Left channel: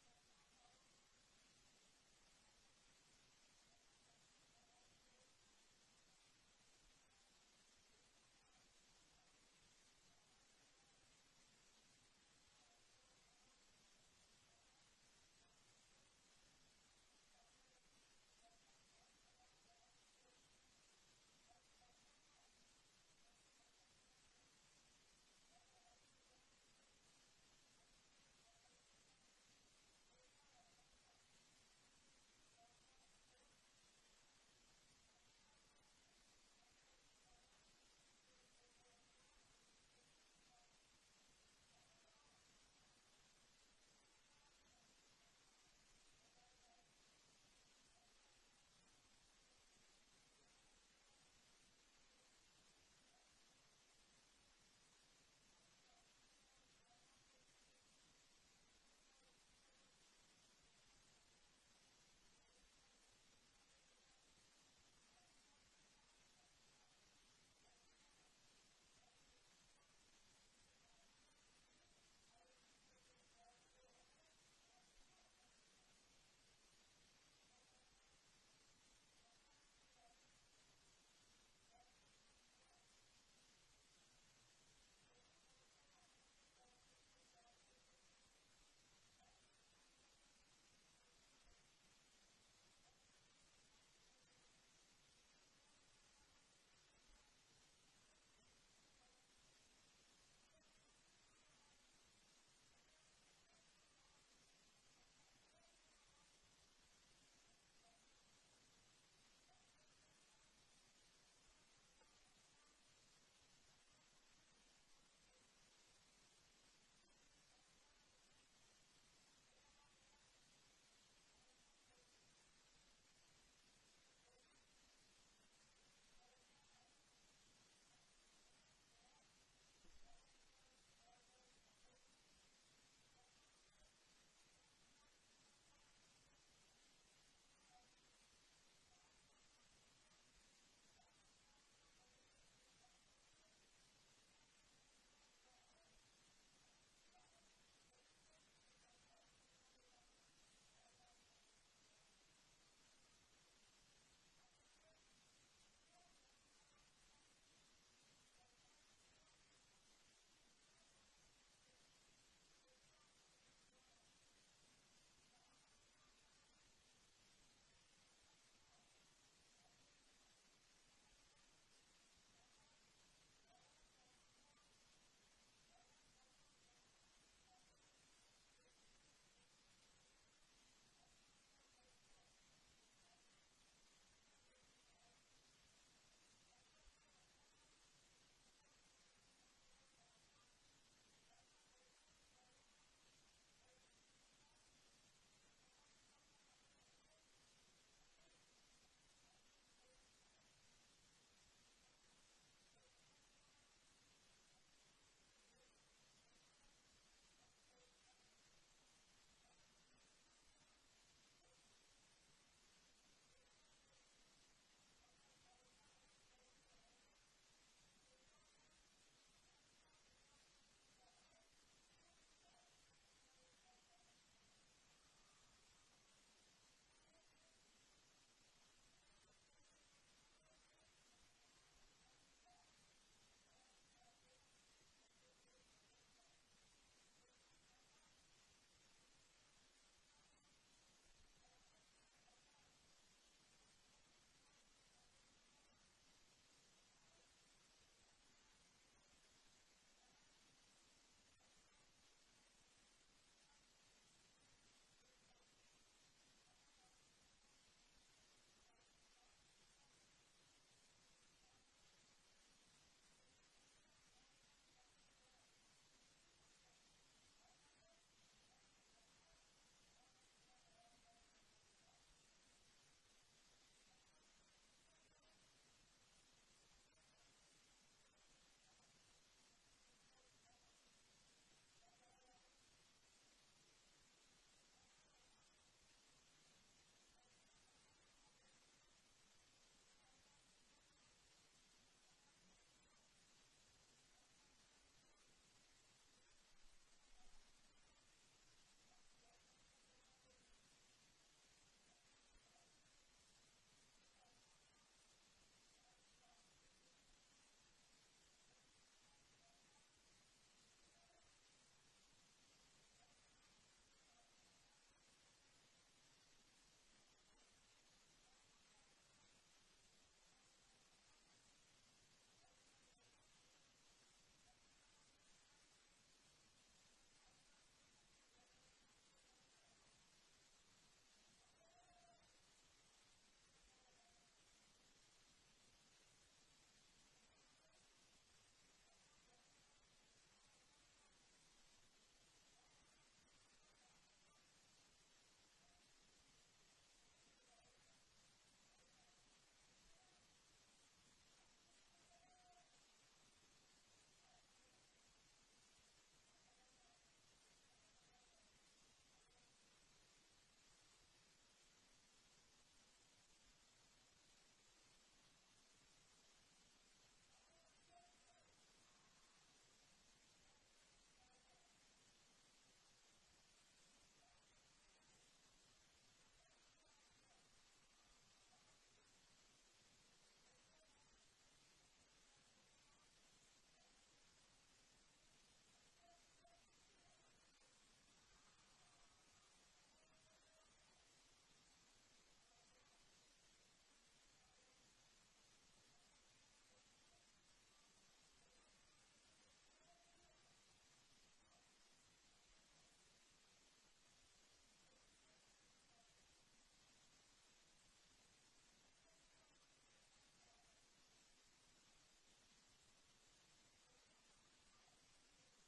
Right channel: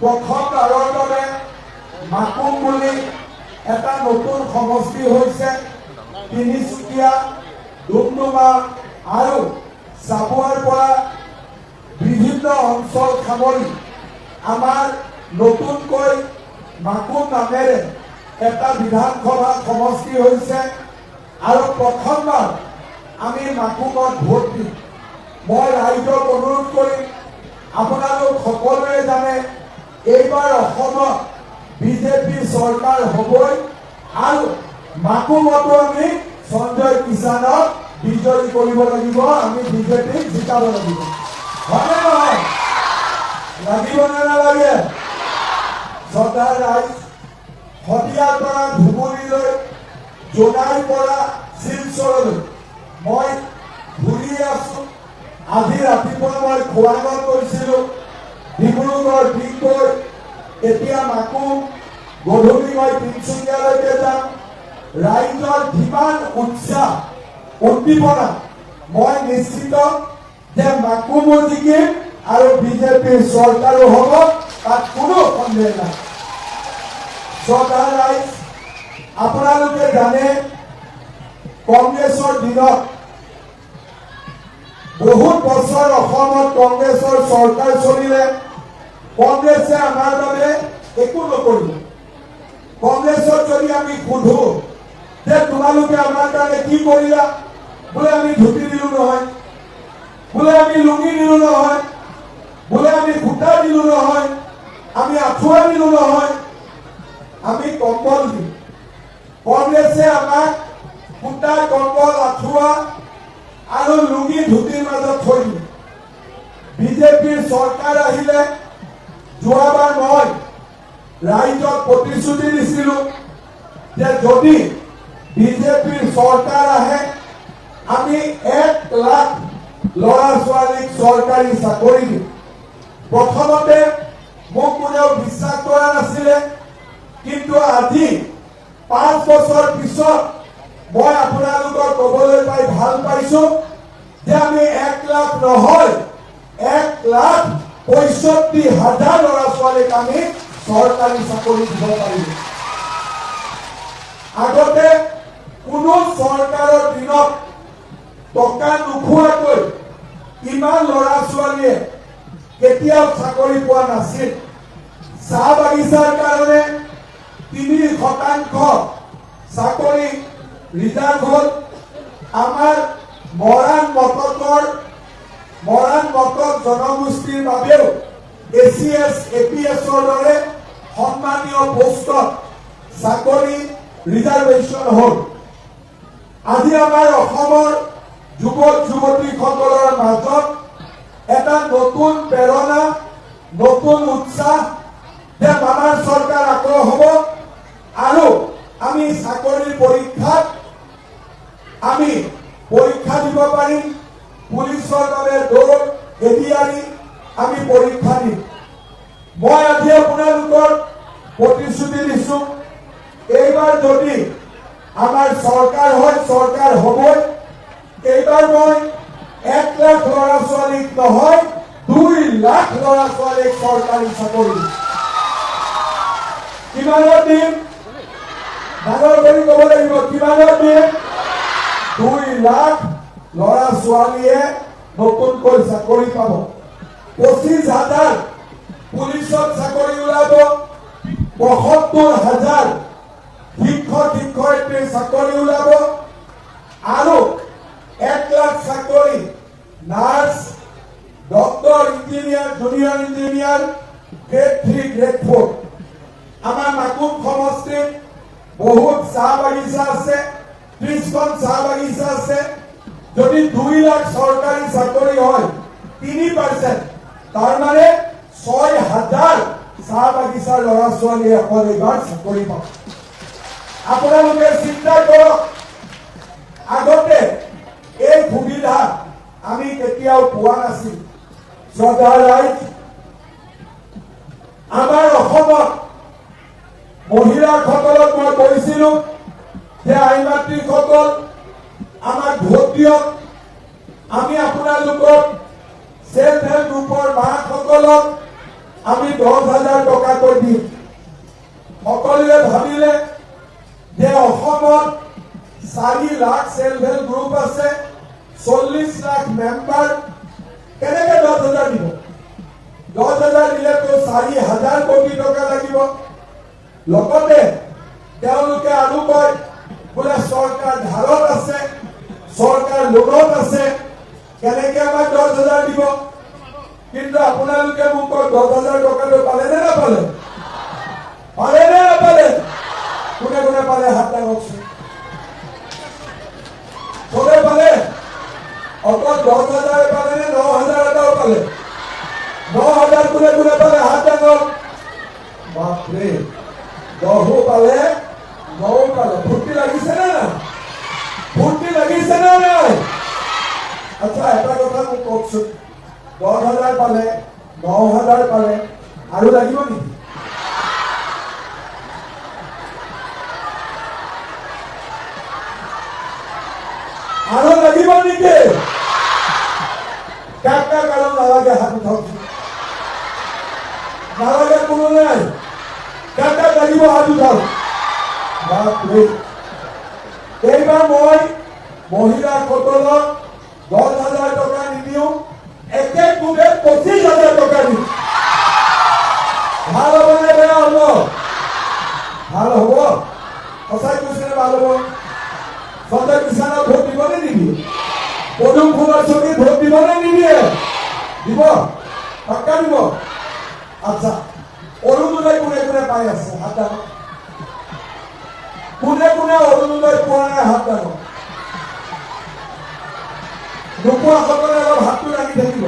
প্ৰথমবাৰৰ বাবে মাকুম বুলি এটা নতুন সমষ্টি হৈছে তিনিচুকীয়া, ডুমডুমা আৰু চাবুৱাৰ পৰা বিভিন্ন অঞ্চল সামৰি আমাৰ নতুনকৈ মাকুম নামেৰে এটা বিধানসভা সমষ্টি হৈছে আৰু প্ৰথমবাৰ আমি মাকুমত ভোট দিম। মই ৰাইজক অনুৰোধ কৰিম, আপোনালোক সকলোৱে জানে এইবাৰ অসমত বিজেপি চৰকাৰ হ'বই আৰু মাকুমতো আমি সঞ্জয় কিষাণক বিজয়ী কৰিব লাগিব, আমি বিজেপিক জিকাব লাগিব। হয়নে নহয়? লাগিব নে নালাগে? শ্ৰদ্ধাৰ ৰাইজ, শদিয়াৰ পৰা ধুবুৰীলৈ, জোনাইৰ পৰা শিলচৰলৈ মই ঘূৰি আছো। আজি ৰাতিপুৱা মই খোৱাঙত গৈছিলো, ডিব্ৰুগড়, ডিগবৈ, এতিয়া মাকুম, গধূলি মই তিনিচুকীয়ালৈকে যাম। ৰাইজৰ যিমান উৎসাহ উদ্দীপনা, মই নিশ্চিত যে মাকুমো জিকিম আৰু বিজেপিৰ চৰকাৰো হ'ব, তাত কোনো সন্দেহ নাই। শ্ৰদ্ধাৰ ৰাইজ, আপোনালোকে জানে কংগ্ৰেছৰ দিনত বহুত বছৰ অসমত কংগ্ৰেছৰ চৰকাৰ চলিলে, কংগ্ৰেছে আমাৰ বাবে একো নকৰিলে। কংগ্ৰেছক যদি আমি সোধো যে তোমালোকে আমাৰ কাৰণে কি কৰিলা, বোলে আমি ধুতি দিলো নহয়, বোলে আমি লুঙি দিলো নহয়, বোলে আমি সূতা দিলো নহয়, আমি আঁঠুৱা দিলো নহয়, আমি কম্বল দিলো। কংগ্ৰেছে আমাক সূতা, কম্বল, আঁঠুৱা আৰু লুঙি ধুতিৰ মাজত থৈ দিলে। বিজেপিৰ চৰকাৰ আহিলে, যোৱাবাৰ মই ৰাইজক প্ৰতিশ্ৰুতি দিছিলো যে যদি বিজেপিৰ চৰকাৰ আহে আমি 1 লাখ ল'ৰা ছোৱালীক চৰকাৰী চাকৰি দিম। প্ৰথমতে মোক কোনেও বিশ্বাস কৰা নাছিলে, কিন্তু আজি 5 বছৰ পিছত মই আপোনালোকক ক'বলৈ পাই ভাল পাইছো যে আমি 1 লাখ নহয় 1,65,000 ল'ৰা ছোৱালীক আমি চৰকাৰী চাকৰি দিব পাৰিম। আগতে কোনো চৰকাৰৰ দিনত টকা নোখোৱাকৈ ইমান ল'ৰা ছোৱালীয়ে কেতিয়াও চাকৰি পোৱা নাছিল। চাহ বাগিচাৰ কাৰণে 3% চাকৰি ৰিজাৰ্ভ হ'ল। আমাৰ মৰাণ মটক জনগোষ্ঠীৰ বাবেও ACS, APSৰ দৰে সন্মানীয় পোষ্টত চাকৰি ৰিজাৰ্ভেশ্যন হ'ল। আজি আমাৰ অসমৰ যুৱক যুৱতীসকলৰ মাজত এটা নতুন প্ৰেৰণা, নতুন উৎসাহ যে আমাৰ চৰকাৰ আকৌ হ'ব আৰু আমি চাকৰিৰ পৰীক্ষাত আমি পৰীক্ষা দিব পাৰিম। পুলিচৰ বাবে দৌৰ, এডিআৰই আমি পৰীক্ষা দিম। মই আজি আপোনালোকৰ প্ৰতিশ্ৰুতি দিছো, এইবাৰ যদি আমাৰ চৰকাৰ হয়, চৰকাৰ হ'বই। এইবাৰ মই 1 লাখ ল'ৰা ছোৱালীক নহয় 2 লাখ ল'ৰা ছোৱালীক চৰকাৰী চাকৰি দিম। কিমানত দিম? ডাঙৰ কৰি ক'ব লাগিব, কিমানত দিম? 2 লাখ ল'ৰা ছোৱালীয়ে নতুনকৈ চাকৰি পাব। 25,000 পুলিচত চাকৰি ওলাব, 72,000 শিক্ষক শিক্ষয়িত্ৰীৰ চাকৰি ওলাব আৰু 1 লাখ চাকৰি nurse, doctor, engineer, junior engineer, grade 3, grade 4। আমাৰ মাকুম সমষ্টিত বহুত চাহ বাগিচা আছে, 30খন চাহ বাগিচা আছে। যদি 2 লাখ চৰকাৰী চাকৰি হয় 3%, তাৰমানে 6,000 চাহ বাগিচাৰ ল'ৰা ছোৱালীয়ে অকল এইবাৰ চাকৰি পাব। আপোনালোকে চিন্তা কৰক, আগতে এই সুবিধা আমি কেতিয়াও পোৱা নাছিল। শ্ৰদ্ধাৰ ৰাইজ, আমাৰ অসমত মহিলাসকলক মই কৈছিলো যে আই মাতৃসকল আমাক ভোট দিয়ক, আমি আপোনালোকক সেল্ফ হেল্প গ্ৰুপৰ মাসকলক আমি 10,000 টকাকৈ দিম। সকলোৱে ভাবিলে যে অসমত 4 লাখ সেলফ হেল্প গ্ৰুপ আছে, 40 লাখ মেম্বাৰ, কেনেকে 10,000 দিব? 10,000 দিলে তো 4,000 কোটি টকা লাগিব। লগতে তেওঁলোকে আৰু কয় বোলে চৰকাৰ ধাৰত আছে, চৰকাৰ লোনত আছে, কেনেকে আমাক 10,000 দিব? কিন্তু আপোনালোকে মোক কয় 10,000 টকাটো পালে নে নাপালে? পালে নে নাপালে? কোনে কোনে পালে হাত দাঙকচোন। চবে পালে? অকল 10,000 পালে নে 9,000 এটাও পালে? 9,000 কোনে কোনে পালে হাত দাঙক। বাপৰে, 10ও পালে 9ও পালে। ফূৰ্তি লাগিছে নে নাই? ফূৰ্তি লাগিছে নে নাই? আচ্ছা, এটা কথা মোক কওকচোন, 10,000 পালে, 9,000 পালে, আৰু লাগিব নেকি? আৰু লাগিব নেকি? কাক কাক আৰু নালাগে হাত উঠাওকচোন। নালাগে কোনো নাই? কাক কাক লাগিব হাত উঠাওক। বাপৰে, এইবাৰ মই মহিলাসকলক 10,000 টকা নিদিওঁ, একে কোবে 25,000 টকা দিম। ভাল হ'ব নে বেয়া হ'ব? ভাল হ'ব? সঁচাই কৈছে নে ভাল হ'ব? সঞ্জয় কিষাণক ভোট দিব নে নিদিয়ে? পদুম ফুলৰ ছবিত ভোট দিব নে নিদিয়ে? দিব? পাক্কা দিব? আচ্ছা, অৰুণোদয় কোনে কোনে পাই আছে হাত দাঙক। কোনে কোনে অৰুণোদয় পোৱা নাই হাত দাঙক। নোপোৱাসকলে অলপ হাতটো দাঙি থাকিব।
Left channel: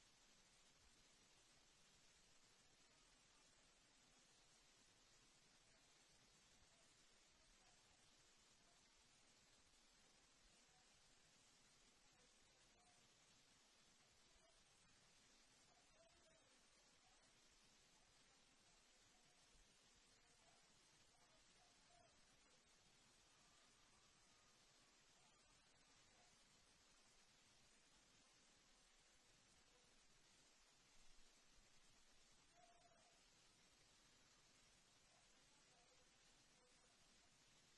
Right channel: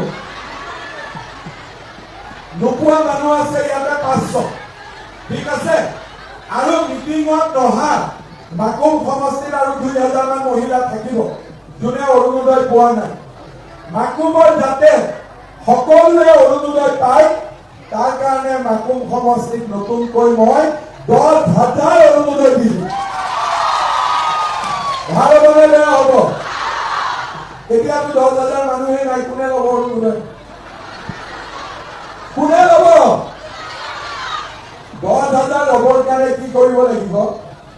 নোপোৱা মানুহ আছে ইয়াতে 500, ঠিক আছে? আৰু মিটিঙত নহা মাকুম সমষ্টিত আৰু 2,000 মান মহিলা থাকিব যোনে অৰুণোদয় পোৱা নাই। মাকুমৰ যাতে সকলোৱে অৰুণোদয় পায় তাৰ কাৰণে মাকুম সমষ্টিত নতুনকৈ মই 10,000 অৰুণোদয় দিছো। ভাল হ'ব নে বেয়া হ'ব? এতিয়াতো 10,000 মানুহে নাই, কোনে ল'ব অৰুণোদয়? কোনে ল'ব? 10,000 ল'বৰ কাৰণে কি কৰিব লাগিব?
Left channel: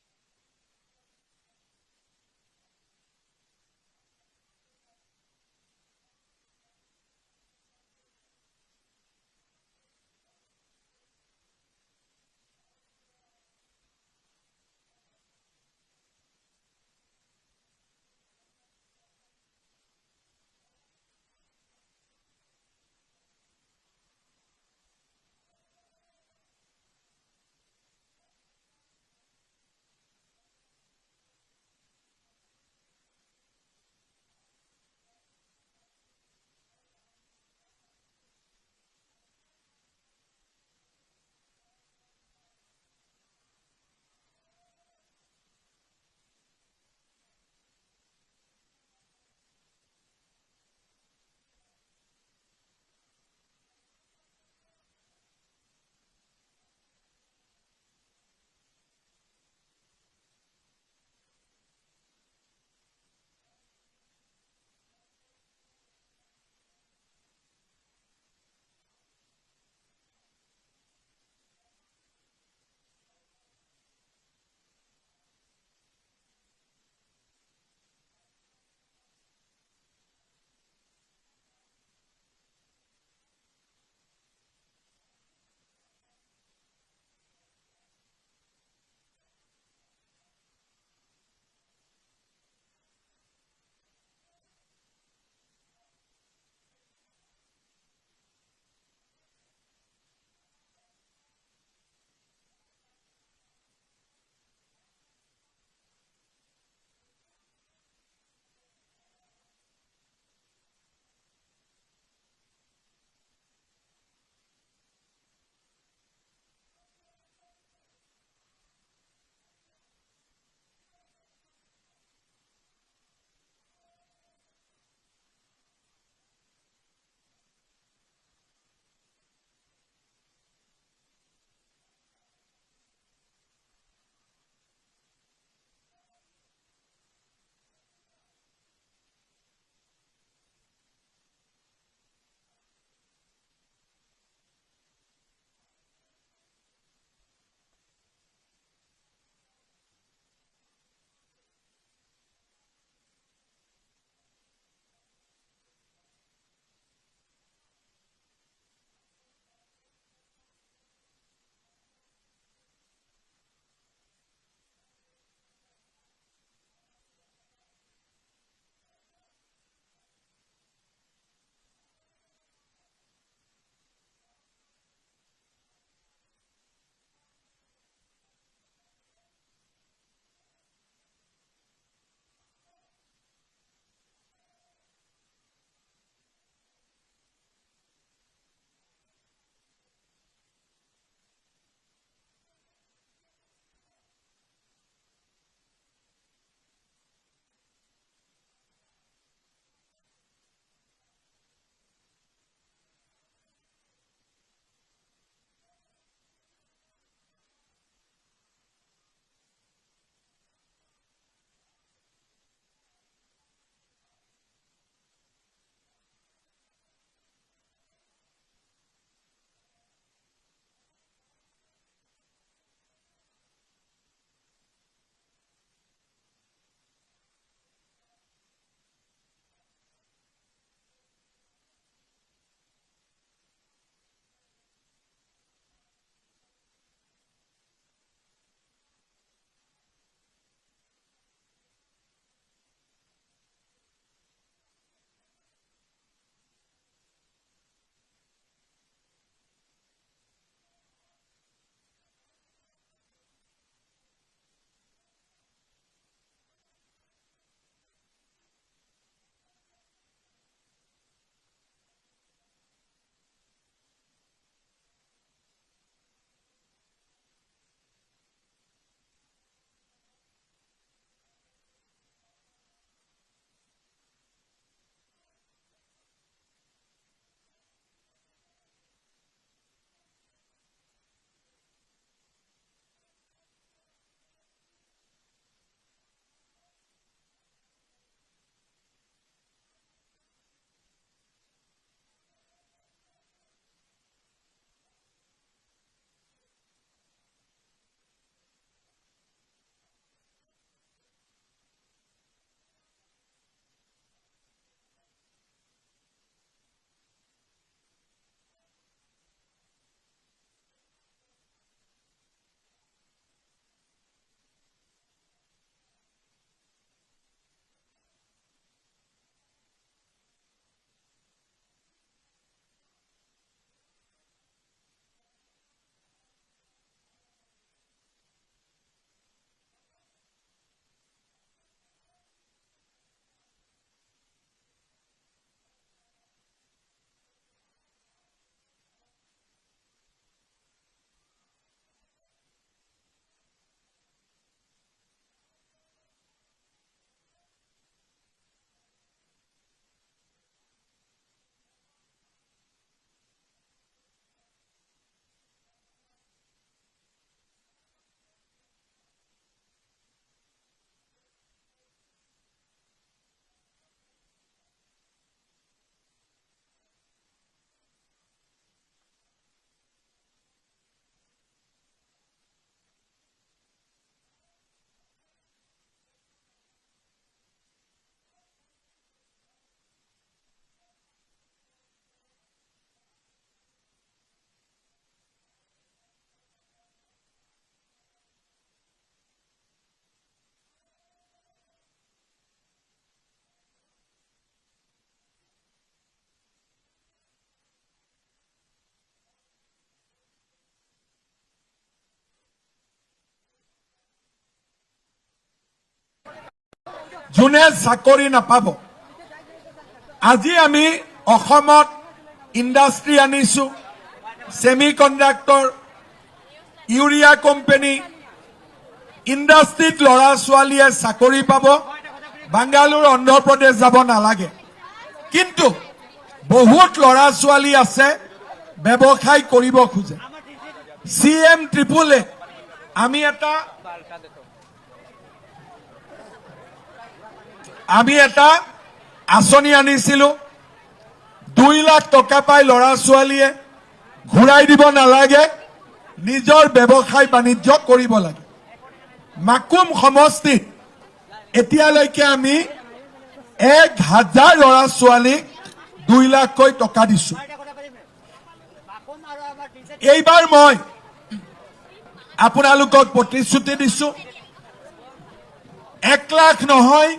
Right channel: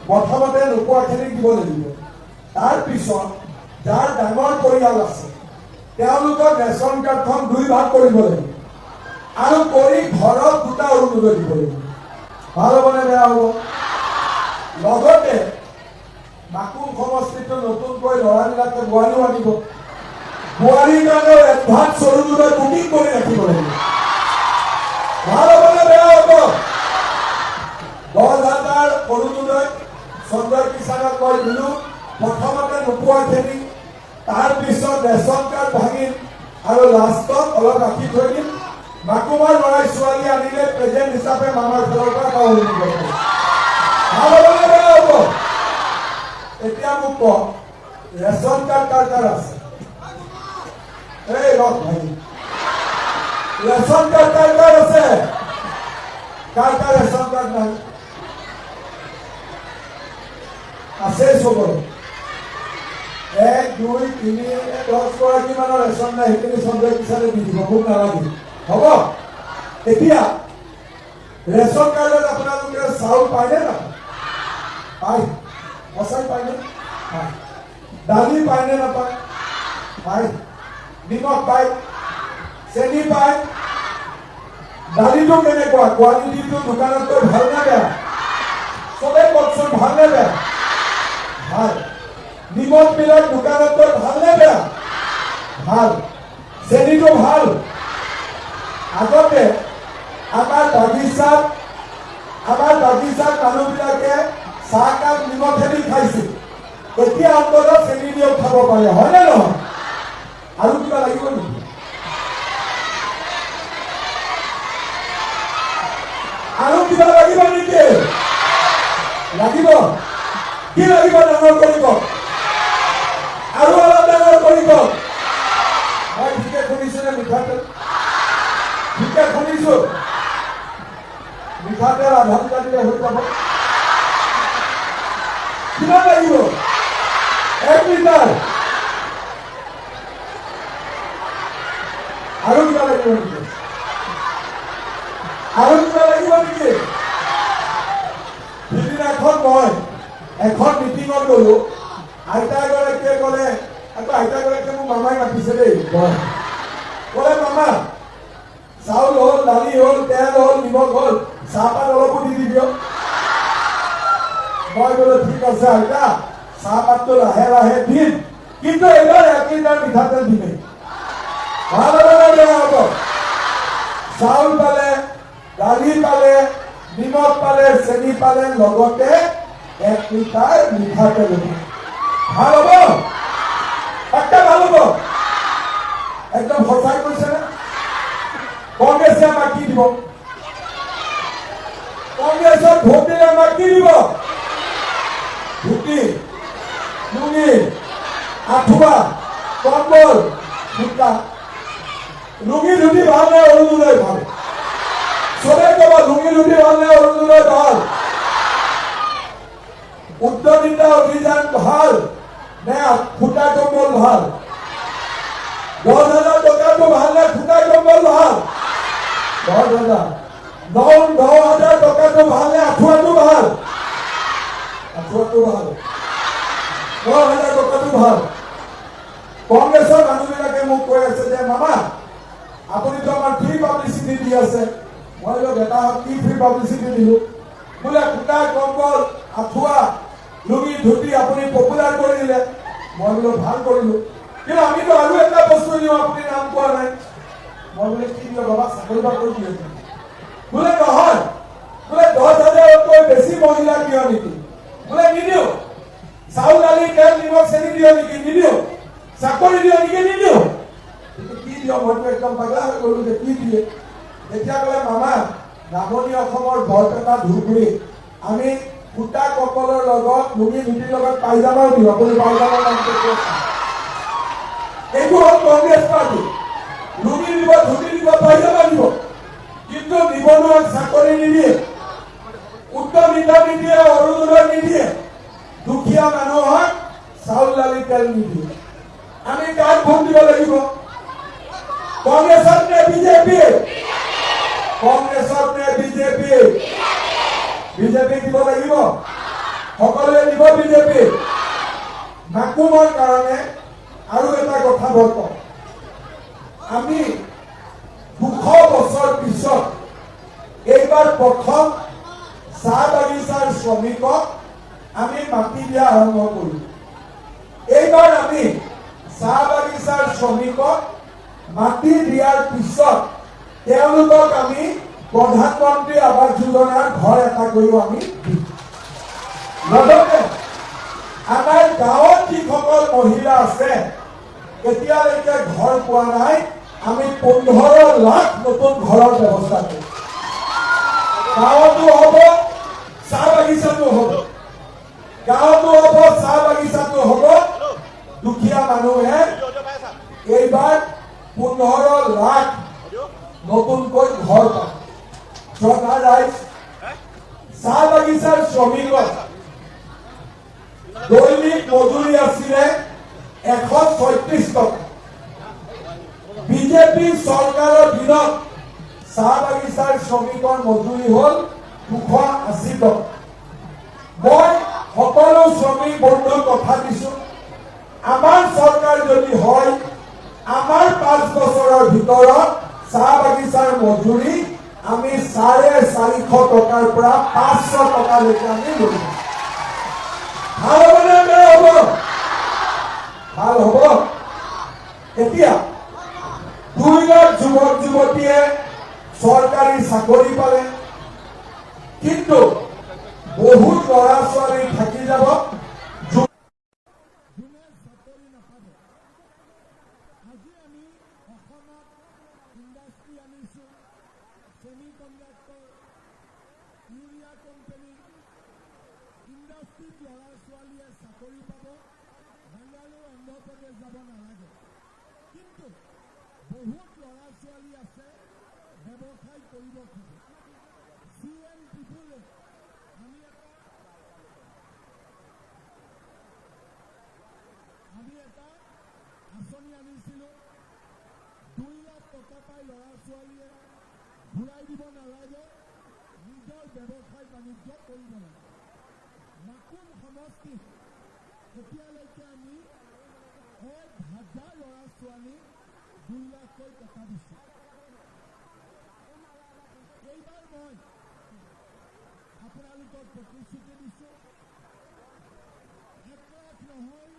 প্ৰথমতে নোপোৱাখিনিক দিব লাগিব। তাৰপিছত যাৰ ডাঙৰ পৰিয়াল আছে তেওঁলোকক ৰেচন কাৰ্ডখন 2 ভাগ কৰিব লাগিব আৰু কৰি ঘৰত 2টা অৰুণোদয় দিব লাগিব। ভাল হ'ব নে বেয়া হ'ব? লগতে মাকুম সমষ্টিটো নতুনকৈ ল'ৰাবিলাকে বোৱাৰীও আনিব। বোৱাৰীৰ কাৰণেও এডভান্স অৰুণোদয় বুকিং কৰি ৰাখিব লাগিব। ভাল হ'ব নে বেয়া হ'ব? 10,000 অৰুণোদয় সঞ্জয় কিষাণক মই দিলো। প্ৰথমতে নোপোৱাখিনি, তাৰপিছত ৰেচন কাৰ্ড ভাঙিম আৰু লাষ্টত অলপ ৰাখি থৈ দিম। মাকুমৰ ল'ৰাই ছোৱালী আনিলে প্ৰেজেণ্ট হিচাপে মামাৰ ঘৰৰ পৰা অৰুণোদয় দিব। ভাল হ'ব নে বেয়া হ'ব? এতিয়া মোক কওক, ৰেচন কাৰ্ড কাৰ কাৰ আছে? এই ৰখ ভাই, ৰেচন কাৰ্ড কাৰ কাৰ আছে? কাৰ কাৰ ৰেচন কাৰ্ড নাই? আছে চবৰে? 1, 2, 3, 10 গৰাকী মানৰ ৰেচন নাই, সেইখিনি সঞ্জয় কিষাণে দি দিব, মোক নালাগে। হ'ব? এতিয়া ৰেচন কাৰ্ডত আপোনালোকে চাউল পায়নে নাপায়? পায়? সঁচাই পায়নে? পায়। দালি পায়নে নাপায়? পায়। নিমখ পায়? চেনি পায়? দালিটো কেনেকুৱা? কোৱালিটিটো দোকানতকৈ ভাল নে বেয়া? চবে কওকচোন, ভাল নে বেয়া? ভাল। নিমখ বিলাক দোকানতকৈ ভাল নে বেয়া? ভাল। চেনিটো ভাল। আগতে আমাৰ বাগিচাত মানুহবিলাকে চাহকাপ নিমখেদি খাইছিল। এতিয়া অন্ততঃ চেনি দিও খাব পাৰে, হয় নে নহয়? আৰু কিবা লাগিব নেকি? আৰু কিবা লাগিব নেকি? লাগিব? কি লাগিব? ডাঙৰ কৰিব আৰু অলপ ডাঙৰ কৰিব। মই ঠিকে শুনিছো নে? মিঠাতেল ঠিকে শুনিছো? মিঠাতেল আধা লিটাৰ দিলে হৈ যাব। কিমান লাগিব? 1 লিটাৰ। আৰু কিবা লাগিব নেকি? আৰু কিবা লাগিব নেকি? সিদিনাখন মই এখন মিটিঙত গলো, আইতাগৰাকীয়ে ক'লে, আকৌ আইতাগৰাকীয়ে মোক মামাই মাতিছে দেই, ক'লে মামা চাউল হ'ল, দালি হ'ল, তেল হ'ল, নিমখ হ'ল, চাহপাত অলপো দি দিবিও। মই বোলো ঠিক আছে আইতা, চাহপাতটো লাহে লাহে দিম, কিন্তু এইবাৰ 1 লিটাৰ মিঠাতেল দিমেই। ভাল হ'ব নে বেয়া হ'ব? চাউল পালে, দালি পালে, নিমখ পালে, চেনি পালে, লগতে 1 লিটাৰ মিঠাতেল দিব। ভাল হ'ব? একটা ভাল হ'ব? একদম সঁচাই কৈছে নে? কংগ্ৰেছে আমাক কি দিব? কংগ্ৰেছক ভোট দিলে আমাক কি দিব? ধুতি, লুঙি, আঁঠুৱা, কম্বল, জোতা। লুঙি ধুতি ভাল নে অৰুণোদয় ভাল? চবে ক'ব লুঙি ধুতি ভাল নে অৰুণোদয় ভাল? উদ্যমিতা অভিযান ভাল নে ফুটা কম্বল ভাল? 10,000 টকাটো ভাল নে ফুটা কম্বল ভাল? 10,000। 9,000 টকাটো ভাল নে আঁঠুৱাটো ভাল? আঁঠুৱাটো ভাল। 9,000 টকাটো ভাল। কংগ্ৰেছৰ মানুহবিলাকে মোক কৈ আছে যে মামা আপুনিতো আমাৰ ফ্ৰী পাব্লিচিটি দি আছে। মই বোলো বেটাহঁত কি ফ্ৰী পাব্লিচিটি দিলো? বোলে ফুটা কম্বল, আঁঠুৱা, লুঙি ধুতি আপুনি পপুলাৰ কৰি দিলে। মই বোলো ভাল কৰিলো, কিন্তু আমিতো আৰু এটা বস্তু দিওঁ, আপুনি নাম কোৱা নাই। মই বোলে কি দিওঁ বাবা, চাকৰি বাকৰি দিয়ে বোলে নহয়, বোলে 10,000তকৈ বেছি মহিলা দিয় নেকি? বোলে নিদিওঁ। চাউল দালি তেল নিমখ চেনি দিয় নেকি? নিদিওঁ। চাকৰি দিয় নেকি? নিদিওঁ। কিন্তু কি দিয়? মইতো একদম পাগলা হৈ গলো যে কি দিয়ে। তেতিয়া ক'লে মামা নামনি অসমৰ বৰপেটা ধুবুৰী আমি ফুটা কম্বলৰ লগত লুঙি ধুতিৰ লগত পাইজামাও দিওঁ। আপুনি পাইজামাৰ নামটো ক'ত? এইটো হ'ল কংগ্ৰেছ পাৰ্টি। লুঙি দিব, ধুতি দিব, পাইজামা দিব, কিন্তু নিবনুৱাক চাকৰি নিদিয়ে, উদ্যমিতা নিদিয়ে, অৰুণোদয় নিদিয়ে, দুখীয়া মানুহক চাউল দালি তেল নিদিয়ে। আমি কাক ভোট দিব লাগিব? কংগ্ৰেছত নে বিজেপি? কংগ্ৰেছত নে বিজেপি? বিজেপি দিব লাগিব। সকলোৱে দিব বিজেপি। মাকুমৰ কাৰণে আৰু এটা কথা মই কওঁ, আমি 200 বছৰ পিছত এইবাৰ প্ৰথম চাহ বাগিচাৰ শ্ৰমিকক আমি মাটি দিয়া আৰম্ভ কৰিম। এইবাৰ আমি চাহ বাগিচাৰ শ্ৰমিকক মাটি দিয়াৰ পিছত তেওঁলোকক আমি প্ৰধানমন্ত্ৰী আৱাস যোজনাৰ ঘৰ এটা কৰিও আমি দিম। লগতে আমাৰ গাঁৱত যিসকল মহিলা আছে এতিয়ালৈকে ঘৰ পোৱা নাই, আমি 15 লাখ নতুন ঘৰৰ ব্যৱস্থা কৰিম। গাঁৱতো হ'ব, চাহ বাগিচাটো হ'ব। গাঁৱতো হ'ব, চাহ বাগিচাটো হ'ব। দুখীয়া মানুহে এইবাৰ 15 লাখ নতুনকৈ ঘৰ পাব। চৰকাৰ ৰাইজ চাহ বাগিচাৰ শ্ৰমিকৰ দৈনিক মজুৰি আছিলে 136 টকা। বিজেপি চৰকাৰৰ দিনত চাহ বাগিচাৰ শ্ৰমিকৰ মজুৰি হ'ল 280 টকা। মই সকলো শ্ৰমিক বন্ধুক কথা দিছো, আমাৰ চৰকাৰ যদি হয়, আমাৰ 5 বছৰৰ ভিতৰত চাহ বাগিচাৰ মজুৰি আমি 450 টকাৰ পৰা 500 টকালৈকে আমি লৈ যাম। ভাল হ'ব নে বেয়া হ'ব? ভাল হ'ব। এতিয়া 2 লাখ যুৱক যুৱতীয়ে চৰকাৰী চাকৰি পালে, কিন্তু বহুত ল'ৰা ছোৱালী থাকি যাব যোনে চাকৰি নাপাব। আজি আমি অসমত ইণ্ডাষ্ট্ৰী আনিছো, ছেমি কণ্ডাক্টৰ, ইউৰিয়া কোম্পানী। ইণ্ডাষ্ট্ৰীত ল'ৰা ছোৱালীয়ে চাকৰি পাব, বাংগালোৰ অন্ধ্ৰপ্ৰদেশ যাব নালাগে। কিন্তু বহুত ল'ৰা ছোৱালী আছে ব্যৱসায় কৰিব খোজে। CM ট্ৰিপল এ আমি এটা আঁচনি আনিছিলো। 2 লাখ টকা পায় ল'ৰা ছোৱালীয়ে, ঘূৰাই দিব নালাগে, নিজৰ ব্যৱসায় বাণিজ্য কৰিব লাগে। মাকুম সমষ্টিত এতিয়ালৈকে আমি 1000 ল'ৰা ছোৱালীক 2 লাখকৈ টকা দিছো। এইবাৰ মই আপোনালোকক প্ৰতিশ্ৰুতি দিছো, 1 লাখ নহয়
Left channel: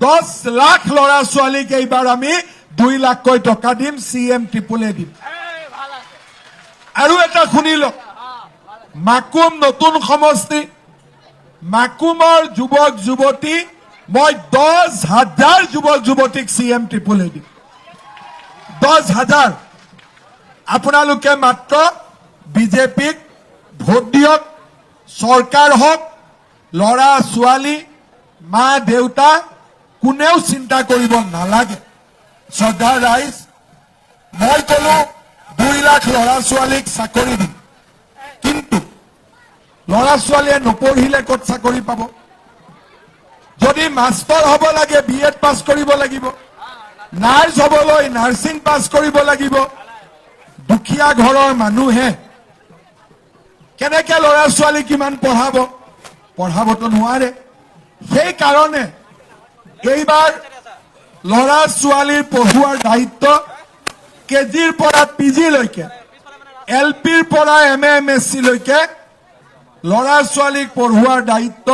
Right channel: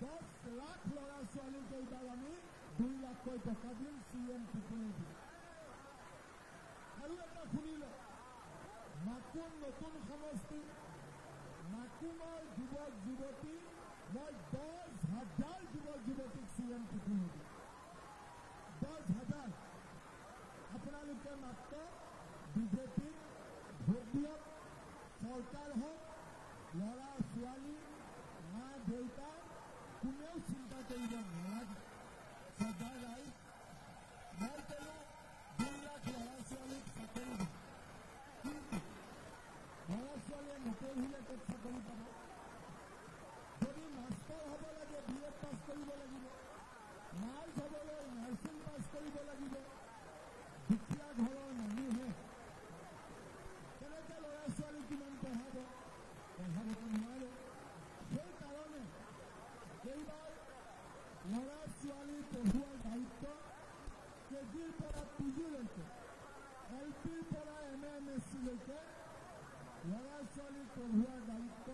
10 লাখ ল'ৰা ছোৱালীক এইবাৰ আমি 2 লাখকৈ টকা দিম, CM ট্ৰিপলে দিম। আৰু এটা শুনি লওক, মাকুম নতুন সমষ্টি, মাকুমৰ যুৱক যুৱতী মই 10,000 যুৱক যুৱতীক CM ট্ৰিপলে দিম। 10,000। আপোনালোকে মাত্ৰ বিজেপিক ভোট দিয়ক, চৰকাৰ হওক, ল'ৰা ছোৱালী, মা দেউতা কোনেও চিন্তা কৰিব নালাগে। শ্ৰদ্ধা ৰাইজ, মই কলো 2 লাখ ল'ৰা ছোৱালীক চাকৰি দিম, কিন্তু ল'ৰা ছোৱালীয়ে নপঢ়িলে ক'ত চাকৰি পাব? যদি মাষ্টৰ হ'ব লাগে BEd পাছ কৰিব লাগিব, নাৰ্ছ হ'বলৈ নাৰ্ছিং পাছ কৰিব লাগিব। দুখীয়া ঘৰৰ মানুহে কেনেকে ল'ৰা ছোৱালী কিমান পঢ়াব? পঢ়াবতো নোৱাৰে। সেইকাৰণে এইবাৰ ল'ৰা ছোৱালীৰ পঢ়ুৱাৰ দায়িত্ব কেজিৰ পৰা PG লৈকে, LPৰ পৰা MA MSc লৈকে ল'ৰা ছোৱালীক পঢ়ুৱাৰ দায়িত্ব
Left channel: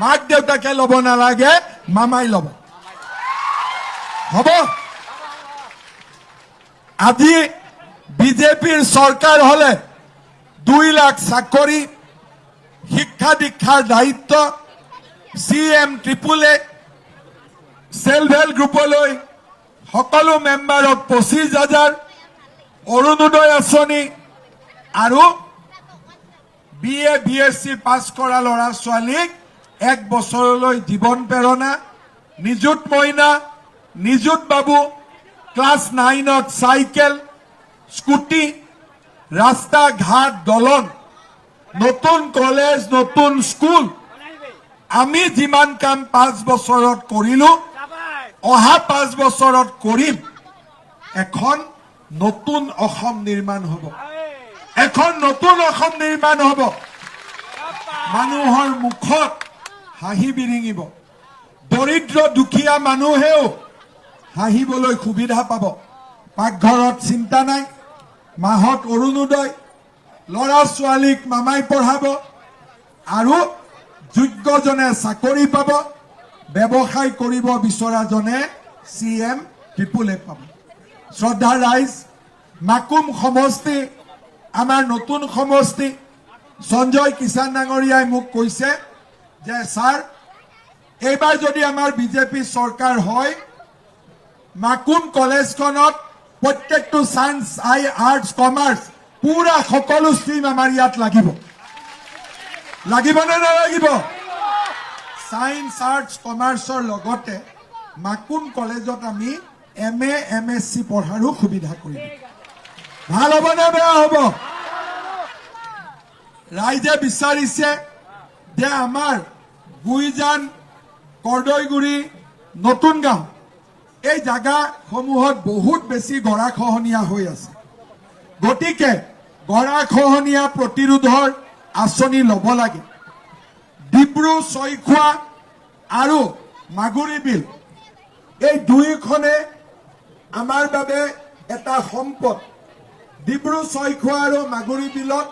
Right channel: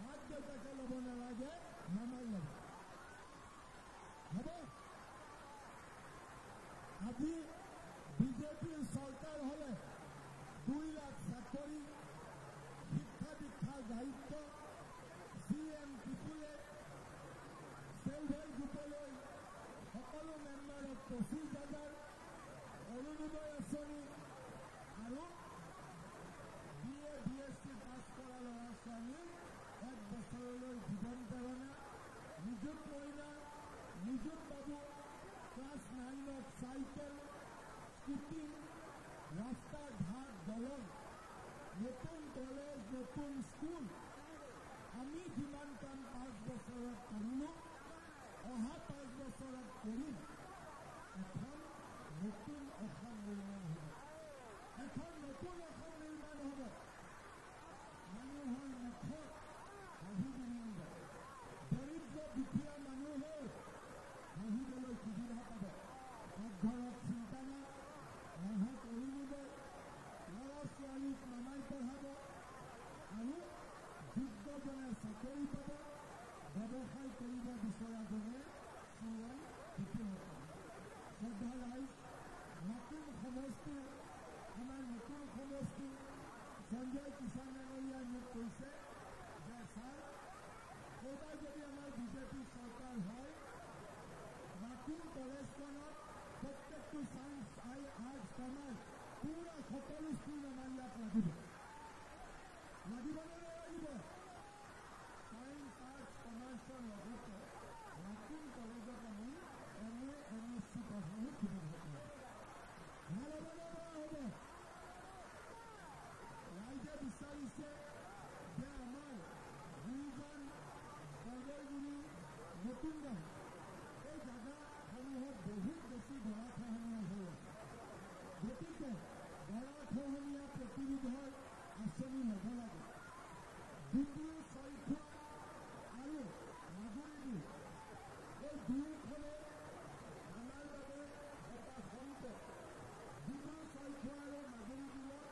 মাক দেউতাকে ল'ব নালাগে, মামাই ল'ব। হ'ব? আজি বিজেপিৰ চৰকাৰ হলে 2 লাখ চাকৰি, শিক্ষা দীক্ষাৰ দায়িত্ব CM ট্ৰিপলে, সেল্ফ হেল্প গ্ৰুপলৈ সকলো মেম্বাৰক 25,000, অৰুণোদয় আঁচনি আৰু BA BSc পাছ কৰা ল'ৰা ছোৱালীক 1 বছৰলৈ জীৱন প্ৰেৰণা, নিযুত মইনা, নিযুত বাবু, ক্লাছ 9ত চাইকেল, স্কুটি, ৰাস্তা ঘাট দলং, নতুন কলেজ, নতুন স্কুল, আমি যিমান কাম 5 বছৰত কৰিলো, অহা 5 বছৰত কৰিম। এখন নতুন অসম নিৰ্মাণ হ'ব, এখন নতুন অসম নিৰ্মাণ হ'ব। মানুহৰ মুখত হাঁহি বিৰিঙিব, দৰিদ্ৰ দুখীয়া মানুহেও হাঁহিবলৈ সুবিধা পাব। পাকঘৰত চিন্তা নাই, মাহত অৰুণোদয়, ল'ৰা ছোৱালীক মামাই পঢ়াব, আৰু যোগ্যজনে চাকৰি পাব, ব্যৱসায় কৰিব বিচৰাজনে CM ট্ৰিপলে পাব। শ্ৰদ্ধা ৰাইজ, মাকুম সমষ্টি আমাৰ নতুন সমষ্টি। সঞ্জয় কিষাণ ডাঙৰীয়াই মোক কৈছে যে ছাৰ, এইবাৰ যদি আমাৰ বিজেপি চৰকাৰ হয়, মাকুম কলেজখনত প্ৰত্যেকটো সায়েন্স, আৰ্টছ, কমাৰ্চ, পুৰা সকলো ষ্ট্ৰীম আমাৰ ইয়াত লাগিব। লাগিব নে নালাগিব? সায়েন্স, আৰ্টছ, কমাৰ্চৰ লগতে মাকুম কলেজত আমি MA MSc পঢ়াৰো সুবিধা কৰিম। ভাল হ'ব নে বেয়া হ'ব? ৰাইজে বিচাৰিছে যে আমাৰ গুইজান, কৰ্দৈগুৰি, নতুন গাঁও এই জাগাসমূহত বহুত বেছি গৰাখহনীয়া হৈ আছে। গতিকে গৰাখহনীয়া প্ৰতিৰোধৰ আঁচনি ল'ব লাগে। ডিব্ৰু চৈখোৱা আৰু মাগুৰী বিল, এই দুয়োখনে আমাৰ বাবে এটা সম্পদ। ডিব্ৰু চৈখোৱা আৰু মাগুৰী বিলত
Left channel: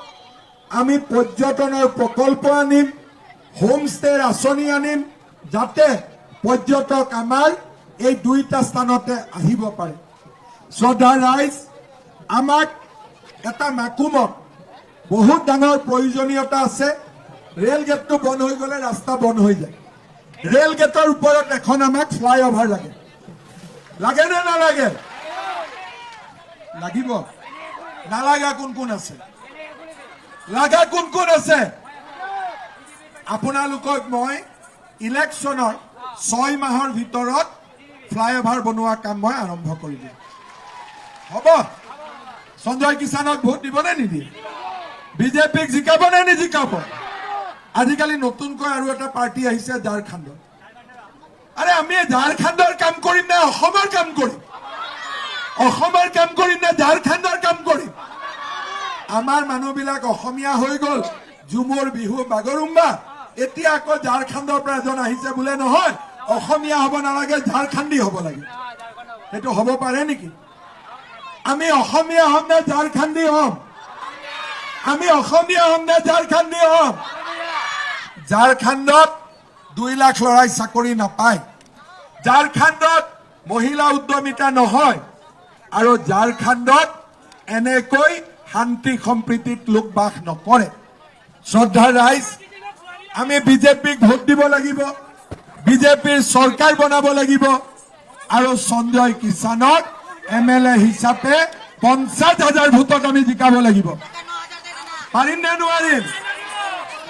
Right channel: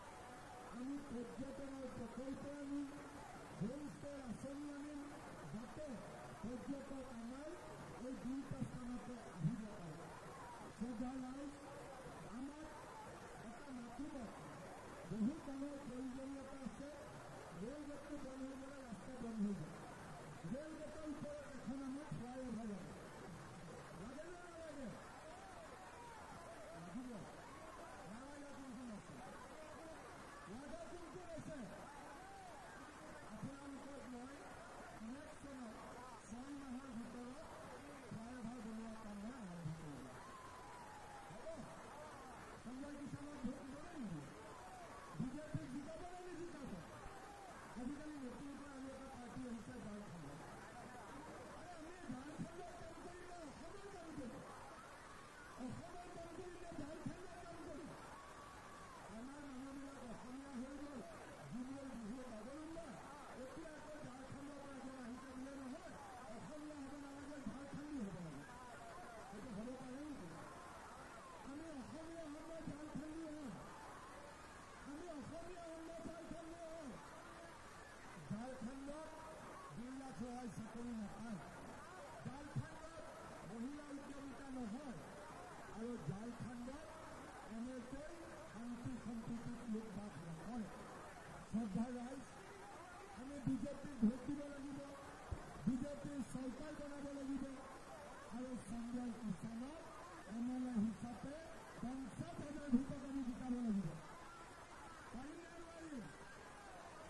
আমি পৰ্যটনৰ প্ৰকল্প আনিম, হোমষ্টেৰ আঁচনি আনিম, যাতে পৰ্যটক আমাৰ এই দুইটা স্থানতে আহিব পাৰে। শ্ৰদ্ধা ৰাইজ, আমাক এটা মাকুমত বহুত ডাঙৰ প্ৰয়োজনীয়তা আছে। ৰেল গেটটো বন্ধ হৈ গ'লে ৰাস্তা বন্ধ হৈ যায়। ৰেল গেটৰ ওপৰত এখন আমাক ফ্লাইঅভাৰ লাগে। লাগে নে নালাগে? লাগিব। নালাগা কোন কোন আছে? লাগা কোন কোন আছে? আপোনালোকক মই ইলেকশ্যনৰ 6 মাহৰ ভিতৰত ফ্লাইঅভাৰ বনোৱা কাম মই আৰম্ভ কৰি দিম। হ'ব? সঞ্জয় কিষাণক ভোট দিব নে নিদিয়ে? বিজেপিক জিকাব নে নিজিকাব? আজিকালি নতুনকৈ আৰু এটা পাৰ্টি আহিছে ঝাৰখণ্ডৰ। আৰে আমি ঝাৰখণ্ডৰ কাম কৰিম নে অসমৰ কাম কৰিম? অসমৰ কাম কৰিম নে ঝাৰখণ্ডৰ কাম কৰিম? আমাৰ মানুহবিলাক অসমীয়া হৈ গ'ল, ঝুমুৰ বিহু বাগৰুম্বা। এতিয়া আকৌ ঝাৰখণ্ডৰ পৰা এজন আহিছে বোলে নহয় অসমীয়া হ'ব নালাগে, ঝাৰখণ্ডী হ'ব লাগে। সেইটো হ'ব পাৰে নেকি? আমি অসমীয়া হ'ম নে ঝাৰখণ্ডী হ'ম? আমি অসমীয়া হ'ম নে ঝাৰখণ্ডী হ'ম? ঝাৰখণ্ডত 2 লাখ ল'ৰাই চাকৰি নাপায়, ঝাৰখণ্ডত মহিলা উদ্যমিতা নহয়, আৰু ঝাৰখণ্ডত এনেকৈ শান্তি সম্প্ৰীতিত লোক বাস নকৰে। শ্ৰদ্ধাৰ ৰাইজ, আমি বিজেপিক ভোট দিব লাগিব, বিজেপিৰ চৰকাৰ বনাব লাগিব, আৰু সঞ্জয় কিষাণক MLA হিচাপে 50,000 ভোটত আমি জিকাব লাগিব। পাৰিম নে নোৱাৰিম?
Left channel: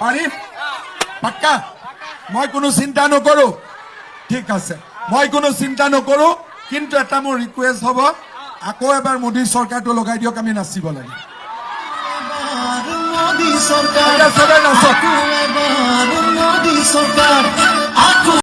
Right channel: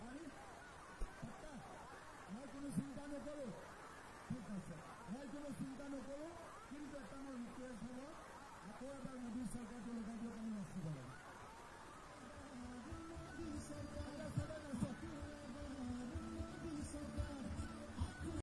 পাৰিম, পাক্কা। মই কোনো চিন্তা নকৰো, ঠিক আছে, মই কোনো চিন্তা নকৰো। কিন্তু এটা মোৰ ৰিকুৱেষ্ট হ'ব, আকৌ এবাৰ মোদী চৰকাৰটো লগাই দিয়ক, আমি নাচিব লাগে। মোদী চৰকাৰ